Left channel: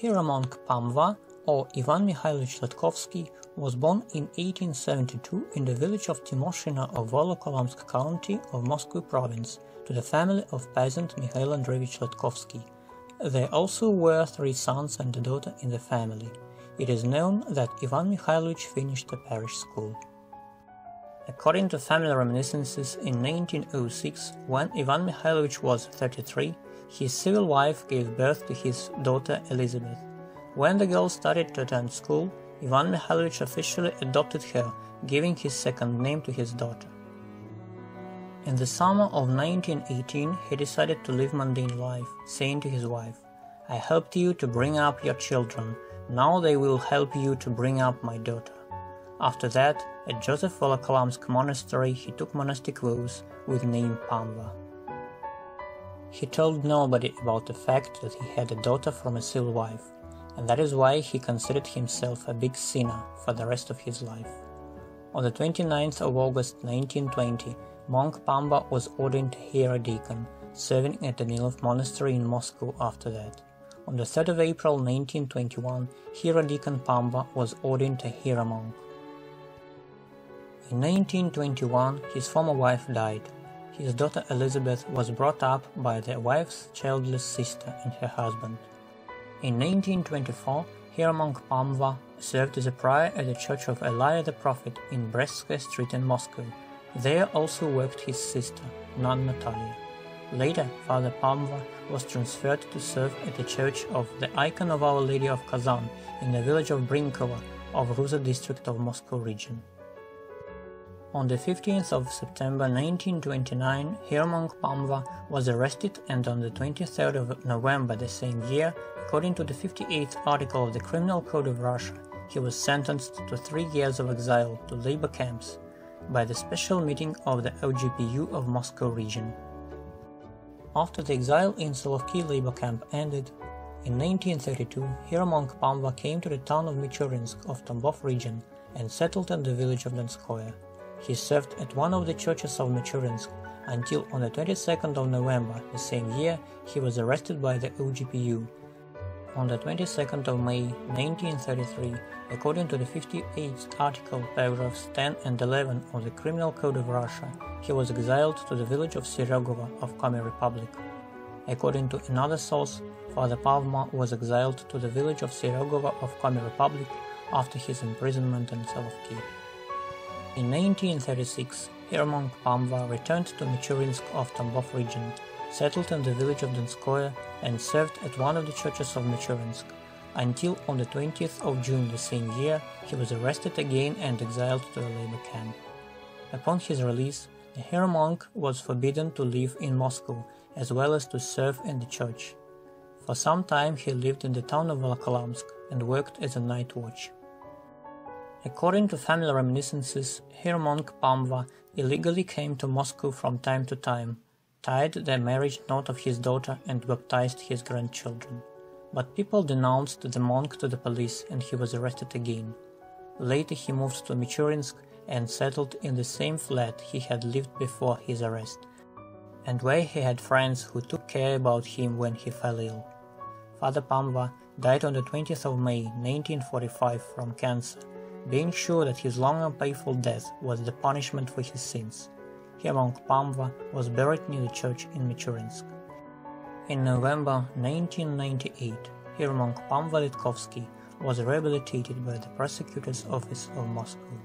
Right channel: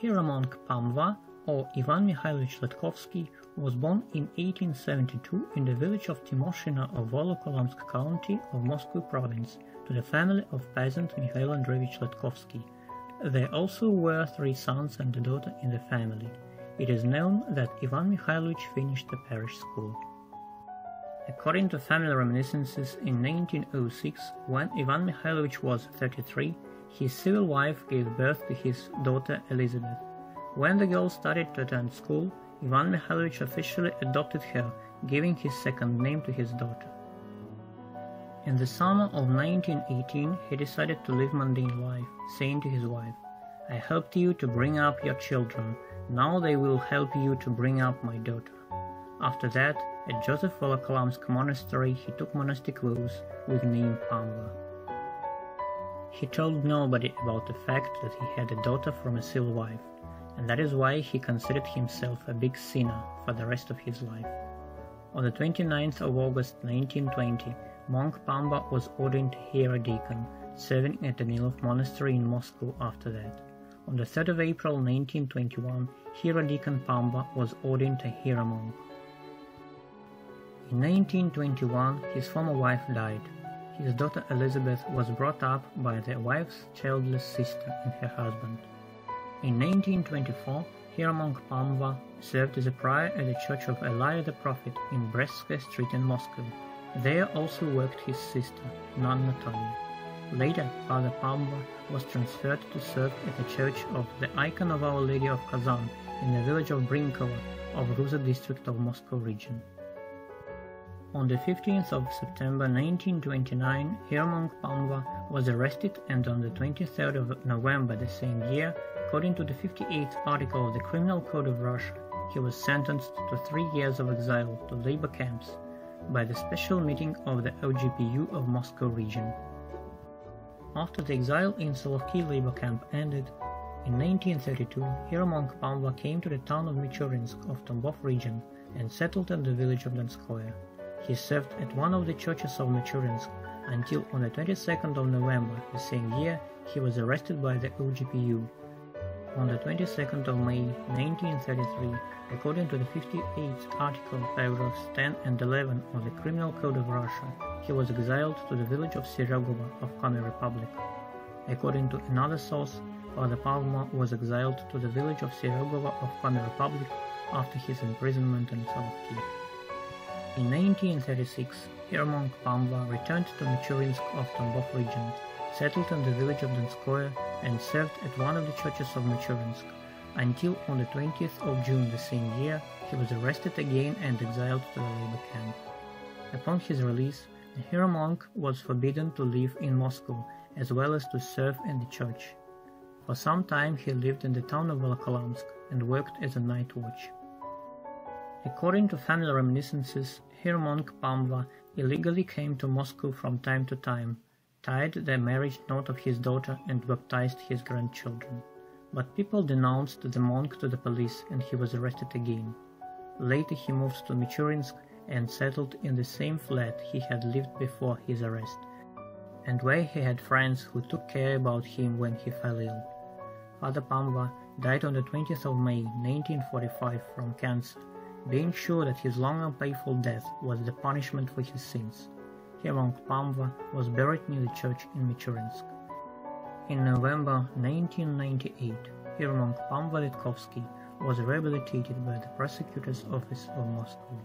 Hieromonk Pamva, or Ivan Mikhailovich Ledkovskiy, was born in 1872 in the village of Timoshino of Volokolamsk County of Moscow Province to the family of peasant Mikhail Andreevich Ledkovskiy. There also were 3 sons and a daughter in the family. It is known that Ivan Mikhailovich finished the parish school. According to family reminiscences, in 1906, when Ivan Mikhailovich was 33, his civil wife gave birth to his daughter Elizabeth. When the girl started to attend school, Ivan Mikhailovich officially adopted her, giving his second name to his daughter. In the summer of 1918, he decided to live mundane life, saying to his wife, "I helped you to bring up your children, now they will help you to bring up my daughter." After that, at Joseph Volokolamsk monastery, he took monastic vows with name Pamva. He told nobody about the fact that he had a daughter from a civil wife, and that is why he considered himself a big sinner for the rest of his life. On the 29th of August 1920, monk Pamva was ordained hierodeacon, serving at the Nilov monastery in Moscow after that. On the 3rd of April 1921, hierodeacon Pamva was ordained a hieromonk. In 1921, his former wife died. His daughter Elizabeth was brought up by the wife's childless sister and her husband. In 1924, hieromonk Pamva served as a prior at the Church of Elijah the Prophet in Brestskaya Street in Moscow. There also worked his sister, nun Natalia. Later, Father Pamva was transferred to serve at the Church of the Icon of Our Lady of Kazan in the village of Brinkovo of Ruza district of Moscow region. On the 15th of September 1929, hieromonk Pamva was arrested, and on the 23rd of November the same year, according to the 58th article of the Criminal Code of Russia, he was sentenced to 3 years of exile to labor camps by the special meeting of the OGPU of Moscow region. After the exile in Solovki labor camp ended, in 1932, hieromonk Pamva came to the town of Michurinsk of Tambov region and settled in the village of Donskoye. He served at one of the churches of Michurinsk until on the 22nd of November the same year he was arrested by the OGPU. On the 22nd of May 1933, according to the 58th article, paragraphs 10 and 11 of the Criminal Code of Russia, he was exiled to the village of Seregovo of Komi Republic. According to another source, Father Pavma was exiled to the village of Seregovo of Komi Republic after his imprisonment in Solovki. In 1936, hieromonk Pamva returned to Michurinsk of Tambov region, settled in the village of Donskoye, and served at one of the churches of Michurinsk, until on the 20th of June the same year he was arrested again and exiled to the labor camp. Upon his release, the hieromonk was forbidden to live in Moscow as well as to serve in the church. For some time he lived in the town of Volokolamsk and worked as a night watch. According to family reminiscences, hieromonk Pamva illegally came to Moscow from time to time, tied the marriage knot of his daughter and baptized his grandchildren. But people denounced the monk to the police and he was arrested again. Later he moved to Michurinsk and settled in the same flat he had lived before his arrest, and where he had friends who took care about him when he fell ill. Father Pamva died on the 20th of May 1945 from cancer, being sure that his long and painful death was the punishment for his sins. Hieromonk Pamva was buried near the church in Michurinsk. In November 1998, hieromonk Pamva Ledkovskiy was rehabilitated by the prosecutor's office of Moscow.